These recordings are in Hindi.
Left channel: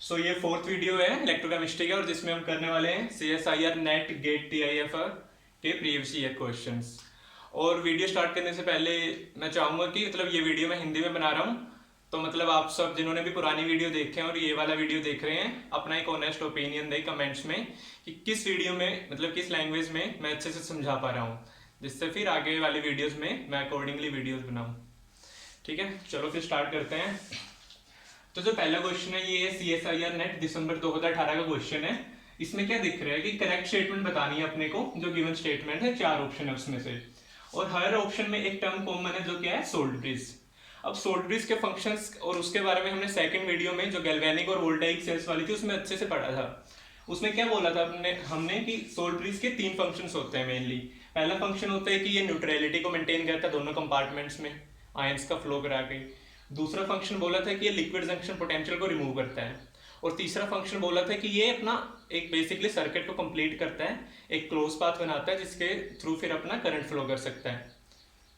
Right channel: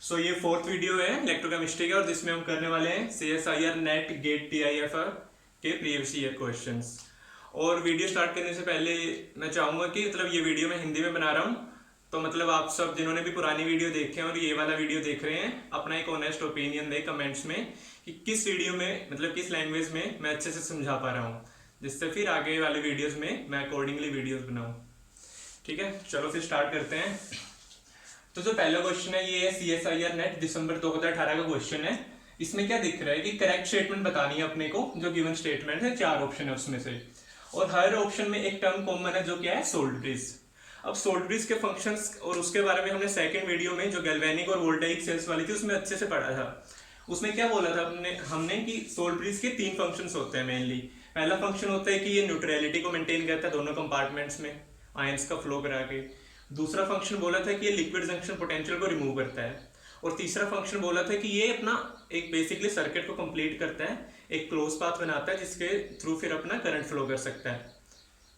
ये फोर्थ वीडियो है इलेक्ट्रोकेमिस्ट्री का और जिसमें हम करने वाले हैं CSIR नेट गेट TIFR के प्रीवियस ईयर क्वेश्चंस। और वीडियो स्टार्ट करने से पहले मैं चाहूँगा कि ये वीडियो मैं हिंदी में बना रहा हूँ, तो आप सब जिन्होंने भी पुरानी वीडियो देखे हैं और ये वाला वीडियो देख रहे हैं, अपना एक ऑनेस्ट ओपिनियन दें कमेंट्स में कि किस वीडियो में किस लैंग्वेज में मैं अच्छे से समझा पा रहा हूँ, जिससे फिर आगे वाले वीडियोज़ में मैं अकॉर्डिंगली वीडियोज़ बनाऊँ। ठीक है, चलो फिर स्टार्ट करते हैं। तो जो पहला क्वेश्चन है ये CSIR नेट दिसंबर 2018 का क्वेश्चन है। इसमें क्या दिख रहा है कि करेक्ट स्टेटमेंट बतानी है अपने को। जो गिवन स्टेटमेंट है 4 ऑप्शन है उसमें से, और हर ऑप्शन में एक टर्म कॉमन है जो क्या है सोल्ट ब्रिज। अब सोल्ट ब्रिज के फंक्शंस और उसके बारे में हमने सेकंड वीडियो में जो गैल्वेनिक और वोल्टाइक सेल्स वाली थी उसमें अच्छे से पढ़ा था। उसमें क्या बोला था हमने कि सोल्ट ब्रिज के 3 फंक्शंस होते हैं मेनली। पहला फंक्शन होता है कि ये न्यूट्रलिटी को मेंटेन करता है दोनों कंपार्टमेंट्स में आयंस का फ्लो करा के। दूसरा फंक्शन बोला था कि ये लिक्विड जंक्शन पोटेंशियल को रिमूव करता है। और तीसरा फंक्शन बोला था कि ये अपना एक बेसिकली सर्किट को कंप्लीट करता है, एक क्लोज पाथ बनाता है जिसके थ्रू फिर अपना करंट फ्लो कर सकता है।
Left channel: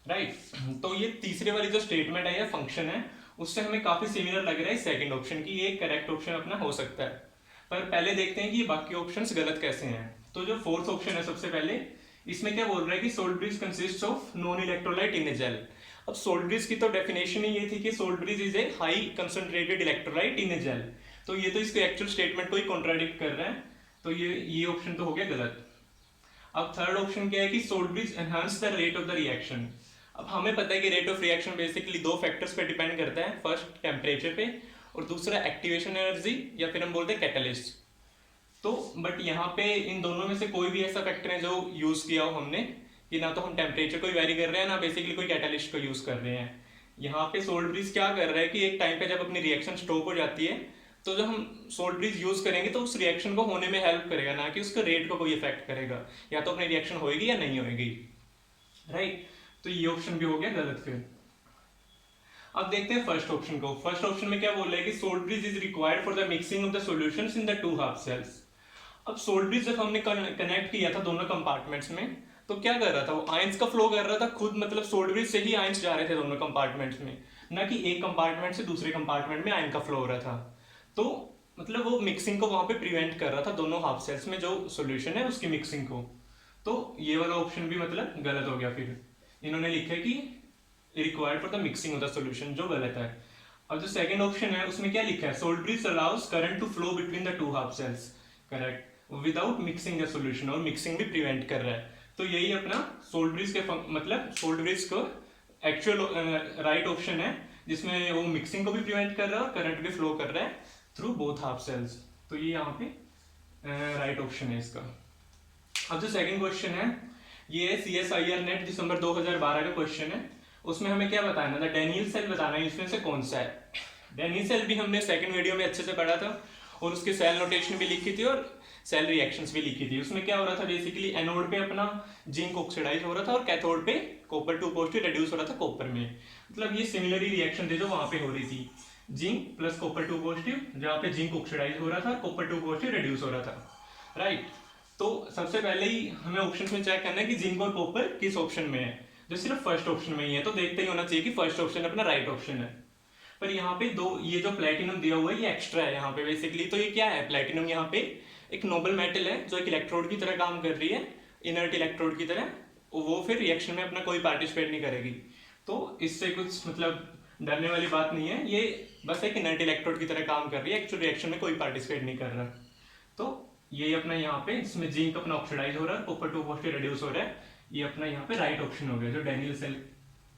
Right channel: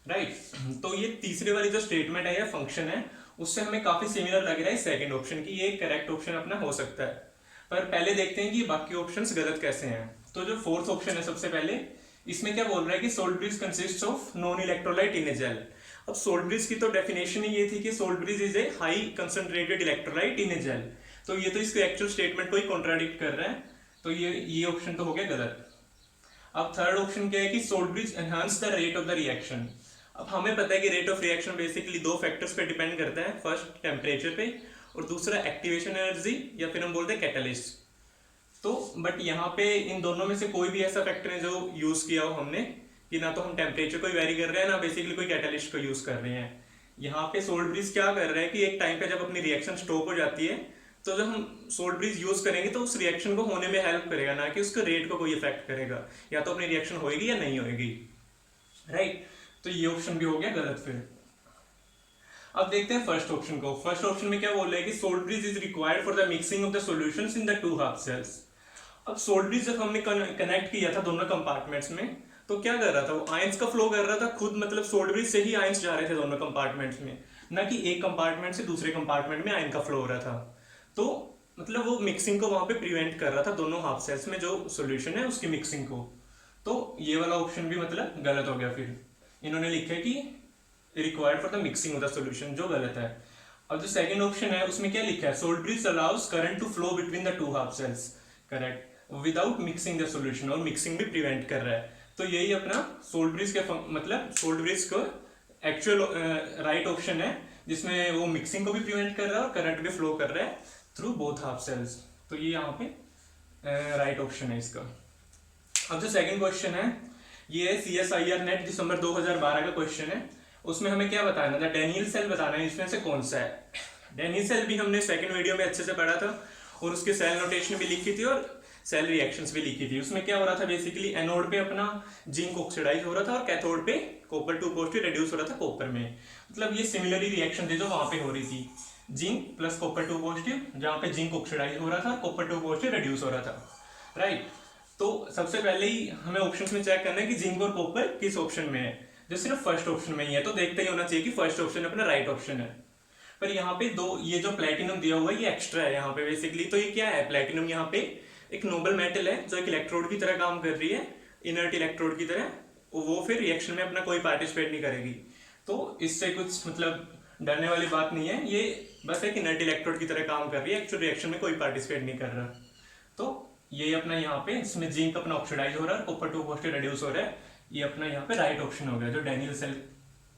राइट, तो ये तीसरे वाली जो स्टेटमेंट है या फंक्शन है उससे हमें काफी सिमिलर लग रहा है सेकंड ऑप्शन की, ये करेक्ट ऑप्शन अपना हो सकता है। पर पहले देखते हैं कि बाकी ऑप्शंस गलत कैसे हैं। तो जो फोर्थ ऑप्शन है सबसे पहले, इसमें क्या बोल रहा है कि salt bridge consist of non electrolyte in a gel. अब सोल्ट ब्रिज की तो डेफिनेशन ही ये थी कि salt bridge is a high concentrated electrolyte in a gel. तो ये तो इसके एक्चुअल स्टेटमेंट को ही कॉन्ट्राडिक्ट कर रहा है, तो ये ऑप्शन तो हो गया गलत। अब थर्ड ऑप्शन क्या है कि salt bridge enhance the rate of the reaction. अब हमें पता है कि rate of reaction basically 2 factors पे डिपेंड करता है, फर्स्ट टेम्परेचर पे और दूसरा एक्टिवेशन एनर्जी या फिर हम बोलते हैं कैटलिस्ट। तो बट यहाँ पे इन दोनों में से कोई भी ऐसा फैक्टर है जो यूज किया हो हमने कि ना तो हम टेम्परेचर को वेरी कर रहे हैं ना बेसिकली कोई कैटलिस्ट को यूज कर रहे हैं। यहाँ पे सोल्ट ब्रिज क्या कर रहा है कि एक टाइम पे जब अपनी रिएक्शन स्टॉप हो जाती है तो जब हम सोल्ट ब्रिज यूज करेंगे तो उस रिएक्शन को होने में हेल्प करेगा, ना कि उसके रेट को कोई इफेक्ट करेगा। या तो अपनी रिएक्शन होएगी या नहीं होएगी। राइट, तो ये ऑप्शन भी हो गया गलत फिर। अब देखते हैं फर्स्ट ऑप्शन को। फर्स्ट ऑप्शन में क्या बोल रहा है कि salt bridge is required for the mixing of the solutions in the 2 half cells. अब सोल्ट ब्रिज जब हमने कनेक्ट किया था दोनों कंपार्टमेंट्स में तो क्या कर रहा था, वो आयंस का फ्लो कर रहा था खुद, सोल्ट ब्रिज से ही आयंस जा रहे थे दोनों कंपार्टमेंट्स में, ना कि एक कंपार्टमेंट से दूसरे कंपार्टमेंट में आयन का फ्लो हो रहा था। तो वो मिक्सिंग को वहां पे प्रिवेंट कर रहा था दोनों हाफ सेल्स में जो सॉल्यूशन है उसकी मिक्सिंग को। तो ये वाला ऑप्शन भी गलत हो गया। फिर इन्होंने लिखा है कि required for the mixing of the solution, जो गलत है। अब जो सेकंड ऑप्शन है उसमें क्या लिखा है, salt bridge allows current to flow between the 2 half cells, correct, without mixing the solution, और मिक्सिंग भी प्रिवेंट कर रहा है। तो यही अपना सोल्ट ब्रिज के सोल्ट ब्रिज को एक्चुअल राइट ऑप्शन है जिसमें वो मिक्सिंग को भी प्रिवेंट कर रहा है और करंट भी फ्लो कर रहा है थ्रू बोथ हाफ सेल्स। तो ये यहाँ पे राइट ऑप्शन है इसका। अब जो सेकंड क्वेश्चन है ये CSIR नेट दिसंबर 2012 का क्वेश्चन है। उसमें हमें क्या बताना था, डेनियल सेल बताना है, इसमें से कौन सा है। डेनियल सेल भी हमने सेकंड वीडियो में अच्छे से पढ़ा था और उसके सेल नोटेशन भी लिखी थी और सेल रिएक्शंस भी लिखी थी। उसमें क्या हो रहा था, बेसिकली एनोड पे अपना जिंक ऑक्सीडाइज हो रहा था और कैथोड पे कॉपर 2 पॉजिटिव रिड्यूस हो रहा था कॉपर में। ये सिमिलर रिएक्शन थी जो वहां पे हो रही थी, जिंक प्लस कॉपर 2 पॉजिटिव, जहाँ पे जिंक ऑक्सीडाइज हो रहा था और कॉपर 2 पॉजिटिव रिड्यूस हो रहा था। राइट, तो सबसे पहले ही हमें ऑप्शन में चेक करना है कि जिंक और कॉपर किस ऑप्शन में है। जो सिर्फ फर्स्ट ऑप्शन में ही है तो देखते ही होना चाहिए कि फर्स्ट ऑप्शन अपना राइट ऑप्शन है। पर यहाँ पे ये जो प्लेटिनम दिया हुआ है ये एक्स्ट्रा है यहाँ पे बेसिकली। तो ये क्या है, प्लेटिनम यहाँ पे एक नोबल मेटल है जो एक इलेक्ट्रोड की तरह काम कर रही है, इनर्ट इलेक्ट्रोड की तरह। वो फिर रिएक्शन में अपना कोई पार्टिसिपेट नहीं करेगी, तो इससे कुछ डरने वाली बात नहीं है। ये बस एक इनर्ट इलेक्ट्रोड की तरह काम कर रही है, एक्चुअल रिएक्शन में कोई पार्टिसिपेट नहीं कर रहा। तो ये अपना यहाँ पे इसमें जिंक अपना ऑक्सीडाइज हो रहा है, कॉपर 2 पॉजिटिव रिड्यूस हो रहा है। ये अपना यहाँ पे राइट ऑप्शन हो गया, जो डेनियल सेल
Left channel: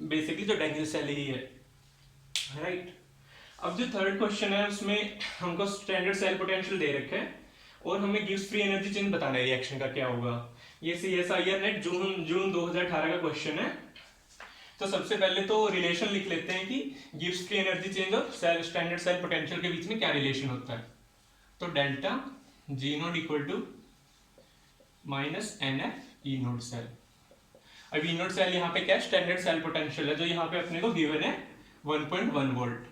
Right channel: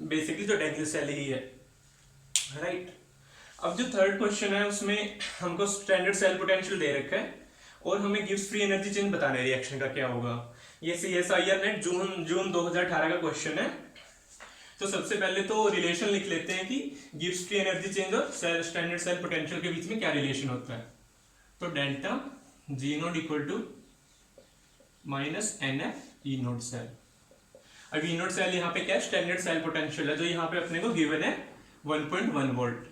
बेसिकली जो डेनियल सेल ही है। राइट, अब जो थर्ड क्वेश्चन है उसमें हमको स्टैंडर्ड सेल पोटेंशियल दे रखा है और हमें गिब्स फ्री एनर्जी चेंज बताना है रिएक्शन का क्या होगा। ये CSIR नेट जून 2018 का क्वेश्चन है। तो सबसे पहले तो रिलेशन लिख लेते हैं कि गिब्स फ्री एनर्जी चेंज और स्टैंडर्ड सेल पोटेंशियल के बीच में क्या रिलेशन होता है। तो delta G naught equal to minus NF E naught cell. अब E नोट सेल यहाँ पे क्या है, स्टैंडर्ड सेल पोटेंशियल है जो यहाँ पे अपने को गिवन है 1.1 वोल्ट।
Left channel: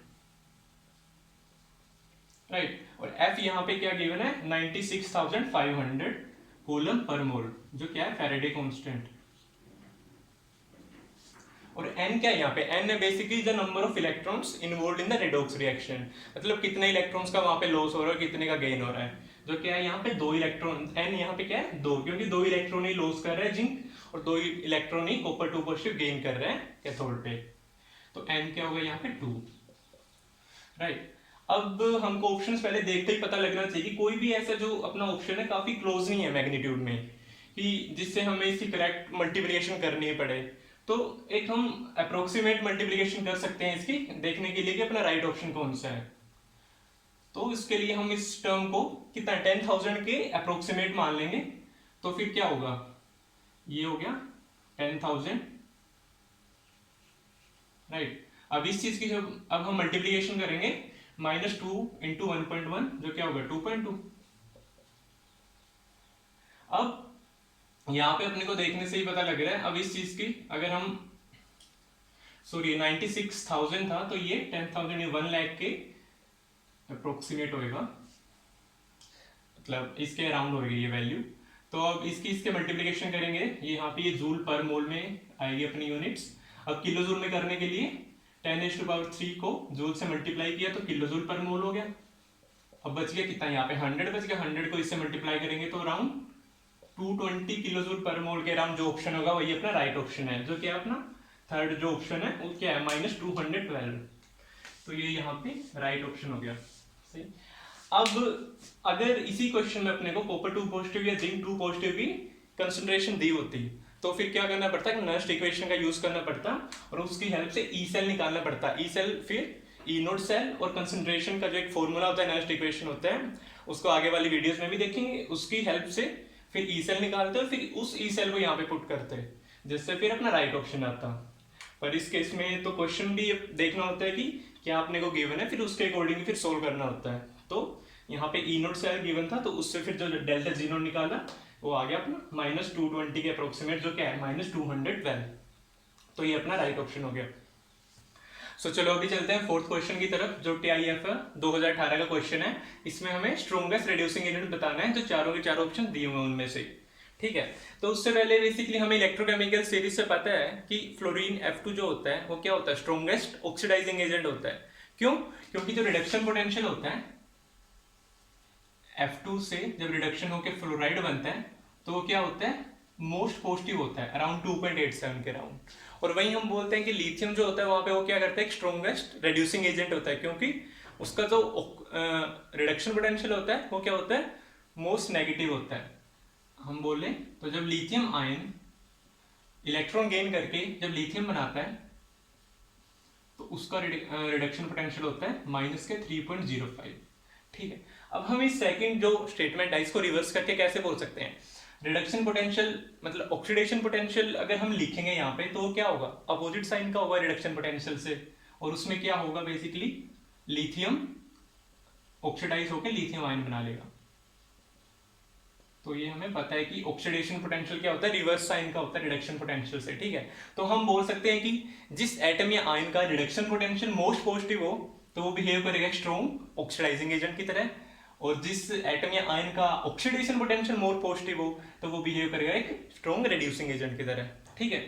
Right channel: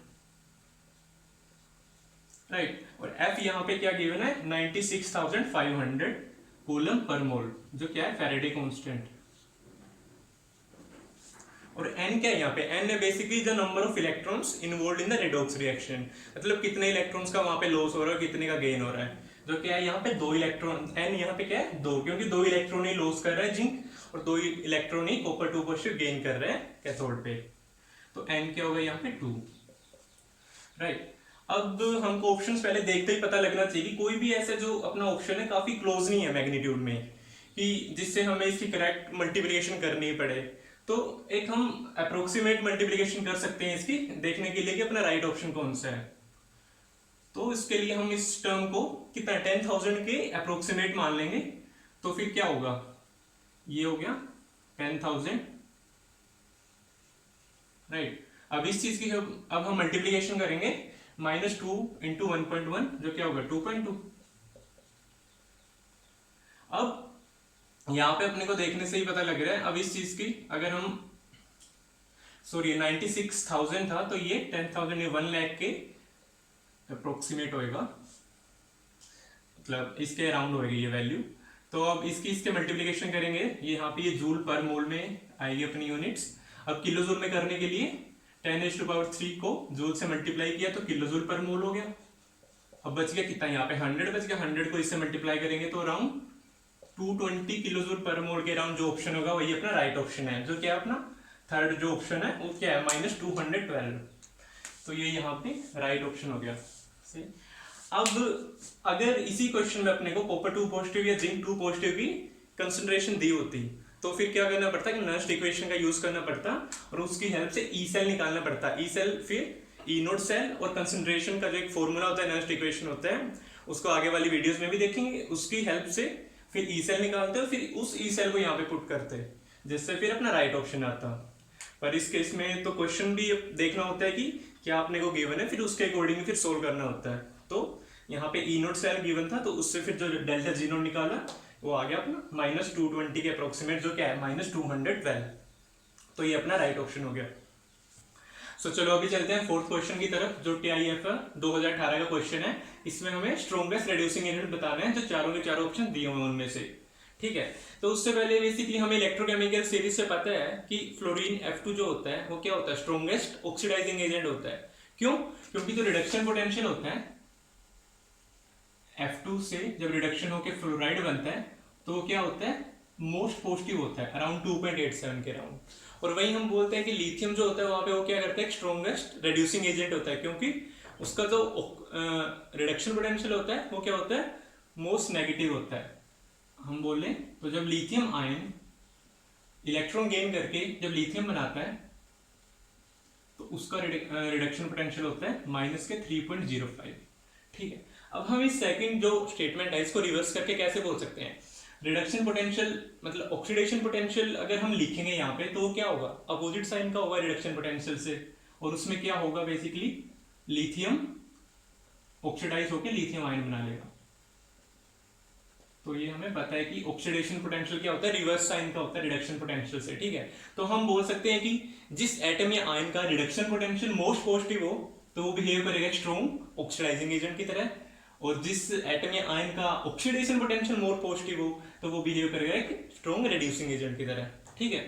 राइट, और F यहाँ पे क्या गिवन है 96,500 कूलम पर मोल, जो क्या है फैराडे कांस्टेंट। और n क्या है यहाँ पे, n है basically the number of electrons involve in the redox reaction, मतलब कितने इलेक्ट्रॉन्स का वहाँ पे लॉस हो रहा है, कितने का गेन हो रहा है। जो क्या है यहाँ पे 2 इलेक्ट्रॉन, n यहाँ पे क्या है 2, क्योंकि 2 इलेक्ट्रॉन ही लॉस कर रहा है जिंक, और 2 इलेक्ट्रॉन ही कॉपर 2 पॉजिटिव गेन कर रहे हैं कैथोड पे। तो n क्या होगा यहाँ पे 2, राइट। अब हमको ऑप्शंस पहले देखते ही पता लगना चाहिए कि कोई भी ऐसा जो अपना ऑप्शन है काफी क्लोज नहीं है मैग्नीट्यूड में, कि जिससे हमें इसकी करेक्ट मल्टीप्लिकेशन करनी पड़े। तो एक हम अप्रोक्सीमेट मल्टीप्लिकेशन कर सकते हैं इसकी, देखने के लिए कि अपना राइट ऑप्शन कौन सा है। तो इसके लिए हम इस टर्म को कितना 10,000 के अप्रोक्सीमेट मान लेंगे। तो फिर क्या होगा, ये हो गया 10,000, राइट। अब इस चीज की अब हम मल्टीप्लिकेशन करेंगे, -2 इंटू 1.1 जो क्या होगा 2.2। अब यहां पे अपने को देखने से ही पता लग रहा है, अब इस चीज की अगर हम सॉरी 96,000 था, तो ये 10,000 ये 1 लाख के अप्रोक्सीमेट होएगा, मतलब इसके अराउंड होएगी ये वैल्यू। तो अब इसके मल्टीप्लिकेशन करेंगे, ये यहाँ पे ये जूल पर मोल में आएगी अपनी यूनिट्स। अब किलो जूल में करने के लिए 10⁻³ को जूल से मल्टीप्लाई किया तो किलो जूल पर मोल हो गया। अब बच गया कितना, यहाँ पे 100 बच गया, 100 को इससे मल्टीप्लाई करेंगे तो अराउंड 220 किलो जूल पर मोल के अराउंड जो ऑप्शन होगा वही अपना राइट ऑप्शन है। जो क्या है अपना थर्ड जो ऑप्शन है वो क्या है -212। तो ये यहाँ पे राइट ऑप्शन हो गया, सही। अब अगर इसी क्वेश्चन में अपने को कॉपर 2 पॉजिटिव या जिंक 2 पॉजिटिव की कंसंट्रेशन दी होती तो फिर क्या करना पड़ता है, नस्ट इक्वेशन का यूज करना पड़ता और उसकी हेल्प से ई सेल निकालना पड़ता। ई सेल फिर ई नोट सेल, और कंसंट्रेशन का जो एक फॉर्मूला होता है नस्ट इक्वेशन होता है, उसको आगे वाली वीडियोस में भी देखेंगे। उसकी हेल्प से फिर ई सेल निकालते हैं, फिर उस ई सेल को यहाँ पे पुट करते हैं, जिससे फिर अपना राइट ऑप्शन आता। पर इस केस में तो क्वेश्चन भी देखना होता है कि क्या आपने को गिवन है, फिर उसके अकॉर्डिंग फिर सोल्व करना होता है। तो यहाँ पे ई नोट सेल गिवन था, तो उससे फिर जो डेल्टा जी नोट निकाला वो आ गया अपना -220 के अप्रोक्सीमेट, जो क्या है -212। तो ये अपना राइट ऑप्शन हो गया। सो चलो अभी चलते हैं फोर्थ क्वेश्चन की तरफ, जो TIF 2018 का क्वेश्चन है। इसमें हमें स्ट्रॉन्गेस्ट रिड्यूसिंग एजेंट बताना है, जो चारों के चारों ऑप्शन दिए हुए उनमें से, ठीक है। तो उससे पहले बेसिकली हमें इलेक्ट्रोकेमिकल सीरीज से पता है कि फ्लोरीन F2 जो होता है वो क्या होता है, स्ट्रॉन्गेस्ट ऑक्सीडाइजिंग एजेंट होता है। क्यों? क्योंकि जो रिडक्शन पोटेंशियल होता है F2 से जब रिडक्शन होकर फ्लोराइड बनता है तो वो क्या होता है, मोस्ट पॉजिटिव होता है, अराउंड 2.87 के अराउंड। और वही हम बोलते हैं कि लिथियम जो होता है वहां पे वो क्या करता है, स्ट्रॉन्गेस्ट रिड्यूसिंग एजेंट होता है, क्योंकि उसका जो रिडक्शन पोटेंशियल होता है वो क्या होता है, मोस्ट नेगेटिव होता है। हम बोले तो जब लिथियम आयन इलेक्ट्रॉन गेन करके जब लिथियम बनाता है तो उसका रिडक्शन पोटेंशियल होता है -3.05, ठीक है। अब हम इस सेकंड जो स्टेटमेंट है इसको रिवर्स करके कैसे बोल सकते हैं, रिडक्शन पोटेंशियल मतलब ऑक्सीडेशन पोटेंशियल अगर हम लिखेंगे यहाँ पे तो क्या होगा, अपोजिट साइन का होगा रिडक्शन पोटेंशियल से, और उसमें क्या होगा बेसिकली लिथियम ऑक्सीडाइज होकर लिथियम आयन बना लेगा। तो ये हमें पता है कि ऑक्सीडेशन पोटेंशियल क्या होता है, रिवर्स साइन का होता है रिडक्शन पोटेंशियल से, ठीक है। तो हम बोल सकते हैं कि जिस एटम या आयन का रिडक्शन पोटेंशियल मोस्ट पॉजिटिव हो तो वो बिहेव करेगा स्ट्रॉन्ग ऑक्सीडाइजिंग एजेंट की तरह, और जिस एटम या आयन का ऑक्सीडेशन पोटेंशियल मोर पॉजिटिव हो तो वो बिहेव करेगा एक स्ट्रॉन्ग रिड्यूसिंग एजेंट की तरह, ठीक है।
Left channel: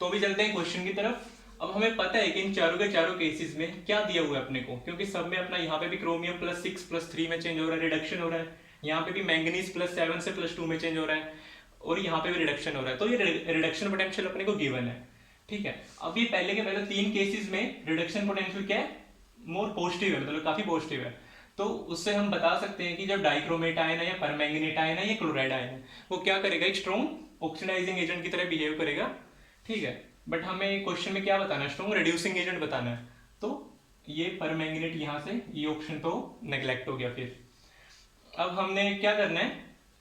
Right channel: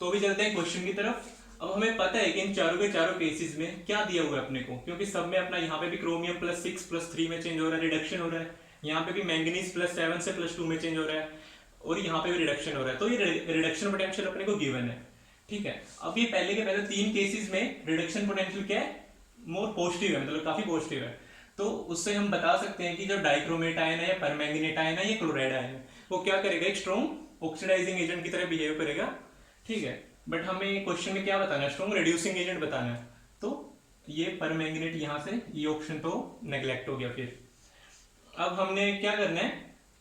तो अभी चलते हैं क्वेश्चन की तरफ। अब हमें पता है कि इन चारों के चारों केसेस में क्या दिया हुआ है अपने को, क्योंकि सब में अपना यहाँ पे भी क्रोमियम +6 +3 में चेंज हो रहा है, रिडक्शन हो रहा है, यहाँ पे भी मैंगनीज +7 से +2 में चेंज हो रहा है, और यहाँ पे भी रिडक्शन हो रहा है। तो ये रिडक्शन पोटेंशियल अपने को गिवन है, ठीक है। अब ये पहले के पहले 3 केसेस में रिडक्शन पोटेंशियल क्या है, मोर पॉजिटिव है, मतलब काफी पॉजिटिव है। तो उससे हम बता सकते हैं कि जो डाइक्रोमेट आयन है या परमैंगनेट आयन है या क्लोराइड आयन है वो क्या करेगा, एक स्ट्रॉन्ग ऑक्सीडाइजिंग एजेंट की तरह बिहेव करेगा, ठीक है। बट हमें क्वेश्चन में क्या बताना है, स्ट्रॉन्ग रिड्यूसिंग एजेंट बताना है। तो ये परमैंगनेट यहाँ से ये ऑप्शन तो नेग्लेक्ट हो गया। फिर अब हमने क्या करना है,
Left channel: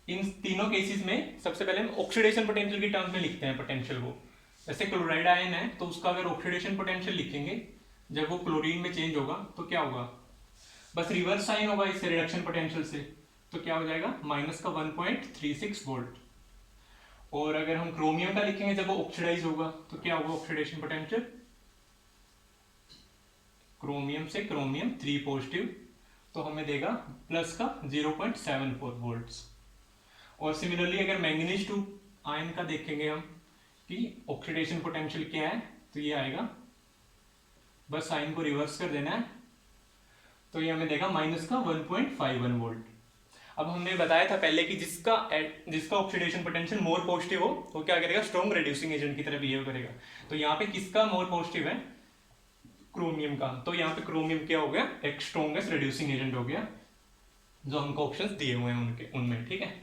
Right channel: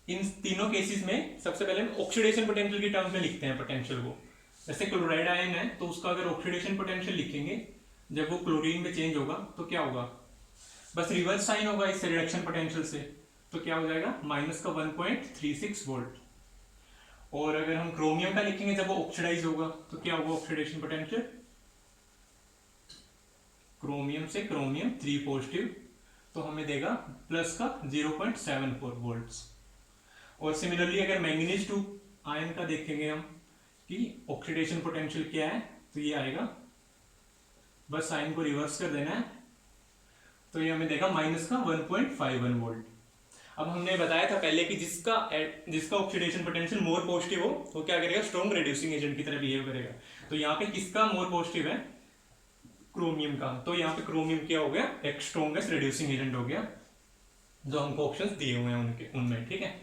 इन तीनों केसेस में सबसे पहले हम ऑक्सीडेशन पोटेंशियल के टर्म्स में लिखते हैं पोटेंशियल को। जैसे क्लोराइड आयन है तो उसका अगर ऑक्सीडेशन पोटेंशियल लिखेंगे जब वो क्लोरीन में चेंज होगा तो क्या होगा, बस रिवर्स साइन होगा इस रिडक्शन पोटेंशियल से, तो क्या हो जाएगा -1.36 वोल्ट। और अगर हम क्रोमियम का लिखेंगे जब वो ऑक्सीडाइज होगा तो क्या होगा ऑक्सीडेशन पोटेंशियल, क्रोमियम से क्रोमियम 3 पॉजिटिव तो हमें देगा प्लस का 0.74 वोल्ट्स। और सिमिलरली अगर मैंगनीज 2 आयन का देखेंगे हम कि ऑक्सीडेशन पोटेंशियल क्या है तो ये आएगा बस साइन को रिवर्स कर देना है, तो ये हमें देगा माइनस का 1.51 वोल्ट। अब हमने बताया था पहले कि जिसका ऑक्सीडेशन पोटेंशियल मोर पॉजिटिव हो वो क्या करेगा, स्ट्रॉन्ग रिड्यूसिंग एजेंट की तरह बिहेव करेगा। तो यहाँ पे किसका मोर पॉजिटिव है, क्रोमियम का। तो यहाँ पे क्रोमियम क्या हो गया, एक स्ट्रॉन्गेस्ट रिड्यूसिंग एजेंट हो गया जो हमको ऑप्शंस दिए हुए हैं उनके उनमें, ठीक है।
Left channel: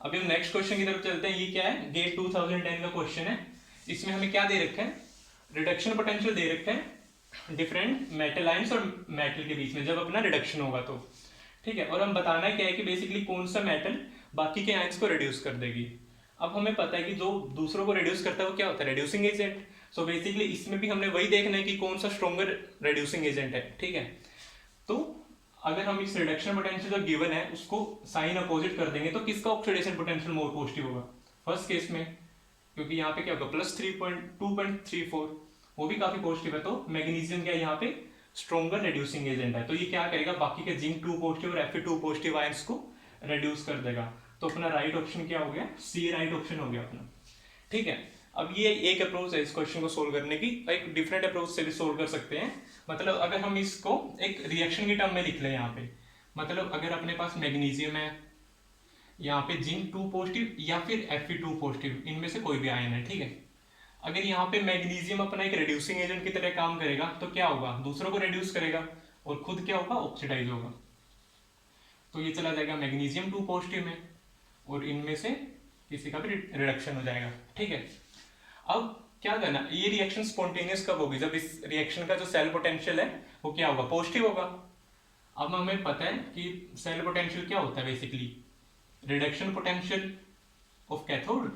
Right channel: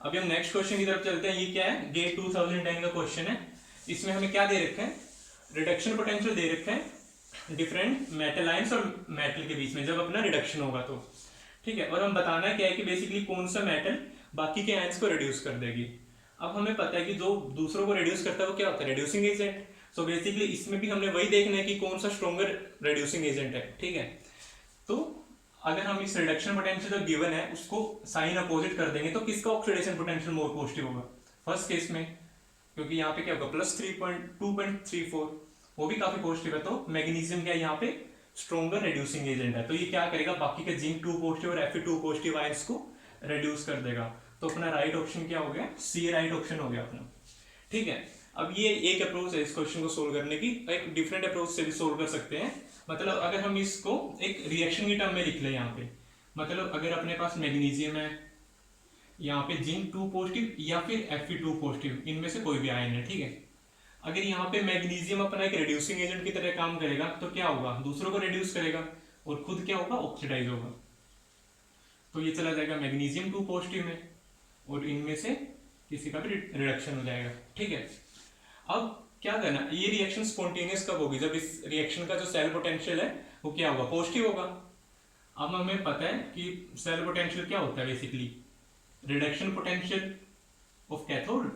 अभी हम नेक्स्ट क्वेश्चन की तरफ चलते हैं। ये क्या है, गेट 2010 का क्वेश्चन है। इसमें हमें क्या दे रखा है, रिडक्शन पोटेंशियल दे रखा है डिफरेंट मेटल आयंस और मेटल के बीच में जब अपना रिडक्शन होगा तो, ठीक है। और हम बताना क्या है कि बेसिकली कौन सा मेटल बाकी के आयंस को रिड्यूस कर देगी। अब हमें पता है कि जो दूसरों को रिड्यूस करता है वो क्या होता है, रिड्यूसिंग एजेंट। सो बेसिकली इसमें भी हमने वही देखना है कि कौन सा स्ट्रॉन्गर रिड्यूसिंग एजेंट है, ठीक है। तो अगर हम इस रिडक्शन पोटेंशियल जो गिवन है उसको साइन अपोजिट कर देंगे तो किसका ऑक्सीडेशन पोटेंशियल मोर पॉजिटिव होगा, फर्स्ट केस में, क्योंकि यहाँ पे क्या होगा प्लस 2.34, वो भी काफी पॉजिटिव है। तो मैग्नीशियम क्या यहाँ पे स्ट्रॉन्गर रिड्यूसिंग एजेंट है, तो ये क्या करेगा, बाकी के जिंक 2 पॉजिटिव और Fe2 पॉजिटिव आयंस को रिड्यूस कर देगा। तो अपना राइट ऑप्शन क्या हो गया, सी राइट ऑप्शन हो गया अपना, ठीक है। अब ये एक अप्रोच है इस क्वेश्चन को सोल्व करने की, एक डिफरेंट अप्रोच से भी सोल्व कर सकते हैं। मतलब अगर हम इसको एक रिएक्शन की टर्म में लिख लें यहाँ पे, मतलब अगर अपने पास मैग्नीशियम है, यहाँ पे जिंक 2 पॉजिटिव या फिर Fe2 पॉजिटिव, इनमें से कोई भी आयन है, ठीक है। अगर यहाँ पे मैग्नीशियम अपना एक रिड्यूसिंग एजेंट की तरह काम करेगा तो क्या होगा, दूसरों को रिड्यूस करेगा और खुद क्या होगा, ऑक्सीडाइज होगा। तो ये चला जाएगा मैग्नीशियम 2 पॉजिटिव में और इनमें से किसी का भी रिडक्शन हो जाएगा, ठीक है। अब क्या करना, ये रिएक्शन स्पॉन्टेनियस कब होगी, जब इस रिएक्शन का जो सेल पोटेंशियल है वो क्या होगा, पॉजिटिव होगा। अब हमें पता है कि सेल पोटेंशियल क्या होता है, basically reduction potential of cathode,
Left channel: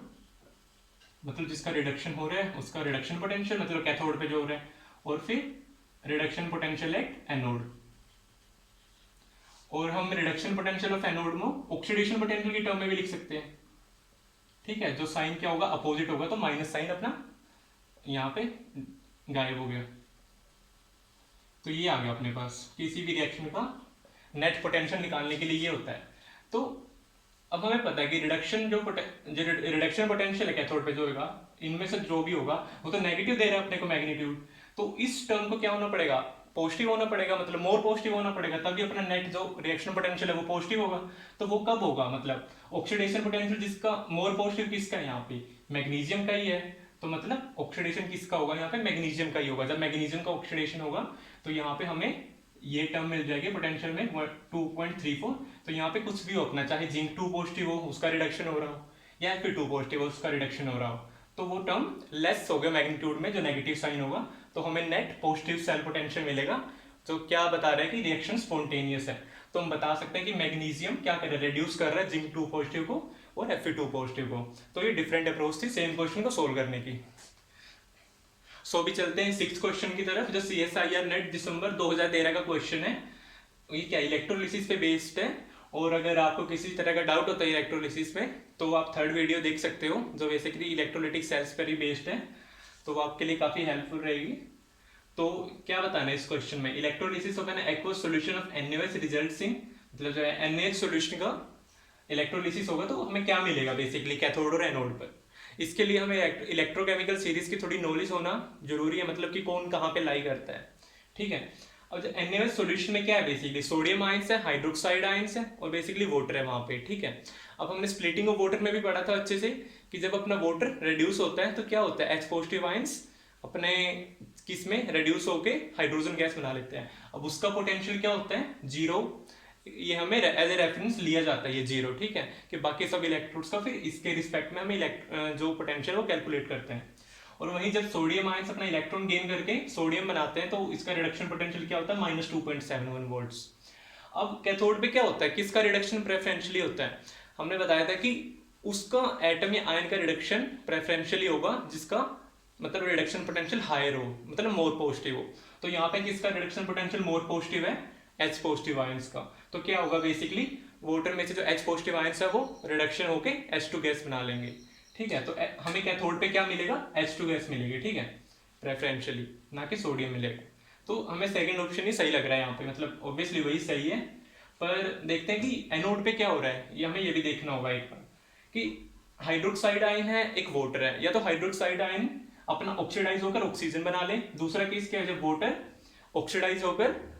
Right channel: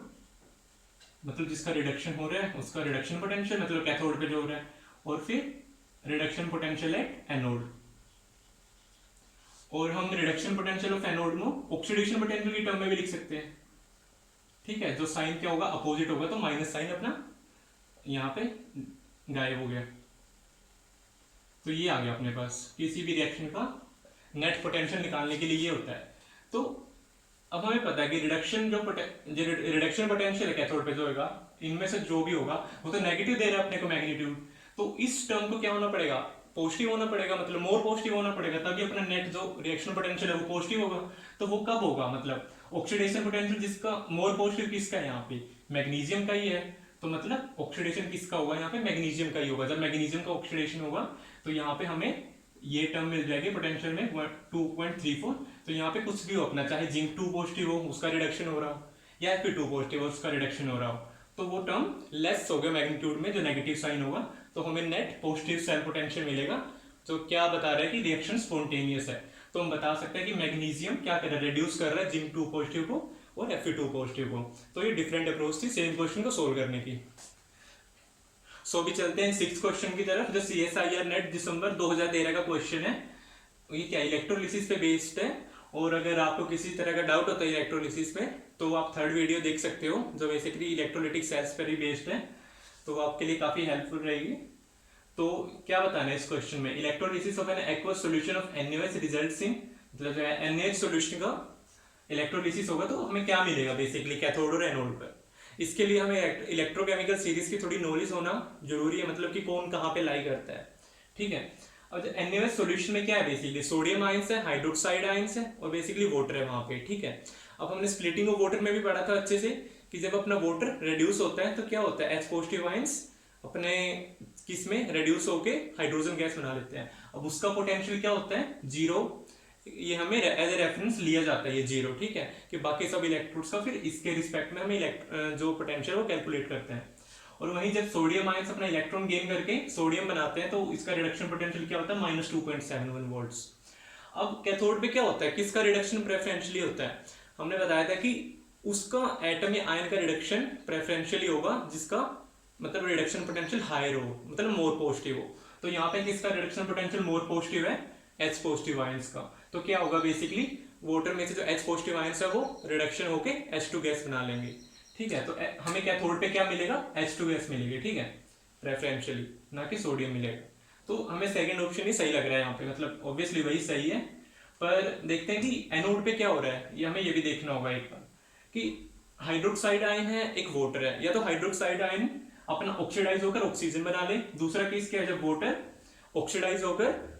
मतलब जिसका रिडक्शन हो रहा है उसका रिडक्शन पोटेंशियल, मतलब कैथोड पे जो हो रहा है, और फिर रिडक्शन पोटेंशियल एट एनोड। और हम रिडक्शन पोटेंशियल ऑफ एनोड में ऑक्सीडेशन पोटेंशियल की टर्म में भी लिख सकते हैं, ठीक है। जो साइन क्या होगा, अपोजिट होगा, तो माइनस साइन अपना यहाँ पे गायब हो गया। तो ये आ गया अपने पास, किसी भी रिएक्शन का नेट पोटेंशियल निकालने के लिए ये होता है। तो अब हमें पता है कि रिडक्शन पोटेंशियल है कैथोड पे जो होगा, इनमें से जो भी होगा वो तो नेगेटिव दे रहा है अपने को मैग्नीट्यूड, तो इस टर्म को क्या होना पड़ेगा, पॉजिटिव होना पड़ेगा, मतलब मोर पॉजिटिव होना पड़ेगा, तभी अपना नेट जो रिएक्शन पोटेंशियल है वो पॉजिटिव होगा। तो वो कब होगा, मतलब ऑक्सीडेशन पोटेंशियल जिसका मोर पॉजिटिव किसका है, यहाँ पे मैग्नीशियम का ही है, तो मतलब ऑक्सीडेशन किसका होगा, यहाँ पे मैग्नीशियम का ही होगा। जब मैग्नीशियम का ऑक्सीडेशन होगा तो यहाँ पे हमें ये टर्म मिल जाएगी पोटेंशियल में 2.34। तो यहाँ पे कुछ भी हो अपना, चाहे जिंक 2 पॉजिटिव हो उसका रिडक्शन हो रहा हो या Fe2 पॉजिटिव हो उसका रिडक्शन हो रहा हो, तो वो टर्म लेस हो गया मैग्नीट्यूड में, जो नेगेटिव साइन होगा, तो हमें नेट पॉजिटिव सेल पोटेंशियल मिलेगा, जो क्या बता रहा है कि रिएक्शन स्पॉन्टेनियस है। तो हम बता सकते हैं कि मैग्नीशियम क्या कर रहा है, रिड्यूस कर रहा है जिंक 2 पॉजिटिव को और Fe2 पॉजिटिव को। तो ये डिफरेंट अप्रोच थी सेम क्वेश्चन को सोल्व करने की। सो अभी चलते हैं 6th क्वेश्चन की तरफ, जो CSIR नेट दिसंबर 2013 का क्वेश्चन है। ये क्या इलेक्ट्रोलिसिस पे बेस्ड है, और अगर आपको किसी तरह का डाउट होता है इलेक्ट्रोलिसिस में तो आप 3rd वीडियो देख सकते हो, जो बेसिकली इलेक्ट्रोलिटिक सेल्स पर ही बेस्ड है, तो वो आपके लिए काफी हेल्पफुल रहेगी। तो क्या बताना है इस क्वेश्चन में, electrolysis of an aqueous solution of NaOH results in, मतलब जो है NaOH सॉल्यूशन का इलेक्ट्रोलिसिस होगा तो हमें क्या मिलेगा बेसिकली कैथोड और एनोड पर। इसके लिए हमें इलेक्ट्रोकेमिकल सीरीज की थोड़ी नॉलेज होना जरूरी है, मतलब कि कौन कहाँ पे लाई करता है, ठीक है। अब NaOH सॉल्यूशन में क्या है, बेसिकली सोडियम आयंस है, हाइड्रोक्साइड आयंस है और बेसिकली वाटर है वहाँ पे, ठीक है। अब हमने स्प्लिटिंग ऑफ वाटर में भी पढ़ा था अच्छे से कि जब अपना वाटर रिड्यूस होता है तो क्या होता है, H पॉजिटिव आयंस अपने किस में रिड्यूस होके हाइड्रोजन गैस बना लेते हैं। अब उसका पोटेंशियल क्या होता है, 0, ये हमें एज ए रेफरेंस लिया जाता है ये 0, ठीक है, कि बाकी सब इलेक्ट्रोड्स का फिर इसके रिस्पेक्ट में हमें जो पोटेंशियल है वो कैलकुलेट करते हैं। और वहीं जब सोडियम आयंस अपना इलेक्ट्रॉन गेन करके सोडियम बनाते हैं तो इसका रिडक्शन पोटेंशियल क्या होता है, -2.71 वोल्ट्स। अब कैथोड पे क्या होता है, किसका रिडक्शन प्रेफरेंशियली होता है, हमने बताया था कि उसका एटम या आयन का रिडक्शन प्रेफरेंशियली होगा जिसका मतलब रिडक्शन पोटेंशियल हायर हो, मतलब मोर पॉजिटिव हो। तो यहाँ पे किसका रिडक्शन पोटेंशियल मोर पॉजिटिव है, H पॉजिटिव आयंस का। तो क्या होगा, बेसिकली वाटर में से जो H पॉजिटिव आयंस है वो रिडक्शन होके H2 गैस बना लेंगे, ठीक है। तो हमें कैथोड पे क्या मिलेगा, H2 गैस मिलेगी, ठीक है, प्रेफरेंशियली, ना कि सोडियम मिलेगा। तो हमें सेकंड ऑप्शन ही सही लग रहा है यहाँ पे, मतलब ऑब्वियसली वही सही है। पर देखते हैं कि एनोड पे क्या हो रहा है, ये हमें ये भी देखना होगा एक बार कि हाइड्रोक्साइड आयन है एक वाटर है, या तो हाइड्रोक्साइड आयन अपना ऑक्सीडाइज होकर ऑक्सीजन बना ले। दूसरा केस क्या है, जब वाटर ऑक्सीडाइज होकर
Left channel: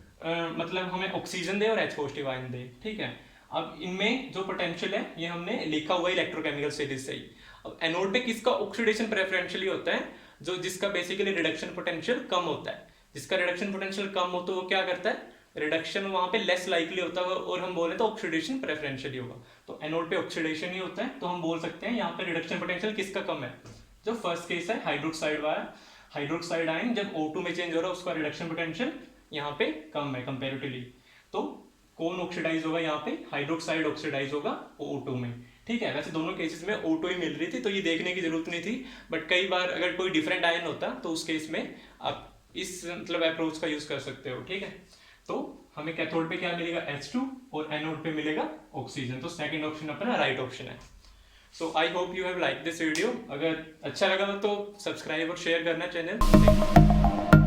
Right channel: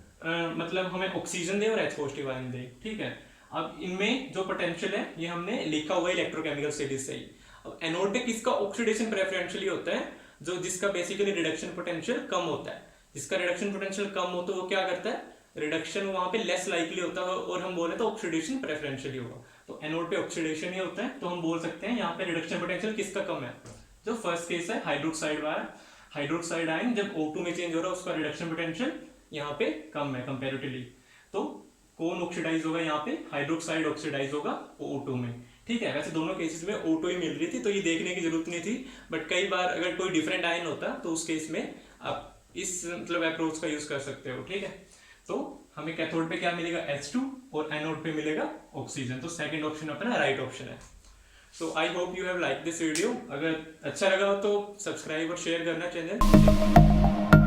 मतलब हमें ऑक्सीजन दे और H पॉजिटिव आयन दे, ठीक है। अब इनमें जो पोटेंशियल है ये हमने लिखा हुआ है इलेक्ट्रोकेमिकल स्टडीज से ही। अब एनोड पे किसका ऑक्सीडेशन प्रेफरेंशियली होता है, जो जिसका बेसिकली रिडक्शन पोटेंशियल कम होता है। जिसका रिडक्शन पोटेंशियल कम हो तो वो क्या करता है, रिडक्शन वहां पे लेस लाइकली होता है, और हम बोले तो ऑक्सीडेशन प्रेफरेंशियली होगा। तो एनोड पे ऑक्सीडेशन ही होता है, तो हम बोल सकते हैं यहाँ पे रिडक्शन पोटेंशियल किसका कम है। जो फर्स्ट केस है हाइड्रोक्साइड वाला, हाइड्रोक्साइड आयन जब O2 में चेंज हो रहा है उसका रिडक्शन पोटेंशियल यहाँ पे कम है कंपैरेटिवली। तो कौन ऑक्सीडाइज होगा यहाँ पे, हाइड्रोक्साइड ऑक्सीडाइज होगा O2 में, ठीक है। वैसे दोनों केसेस में O2 ही मिल रही थी तो ये देखने की जरूरत नहीं थी, बट कई बार अगर कोई डिफरेंट आयन होता तो उस केस में आप इस मतलब अप्रोच का यूज कर सकते हो, ठीक है। तो हमें कैथोड पे क्या मिलेगा, H2, और एनोड पे मिलेगा ऑक्सीजन। तो सेकंड ऑप्शन अपना राइट ऑप्शन है। So I hope you have like this video. अगर अच्छा लगा हो तो सब्सक्राइब और शेयर करना चैनल।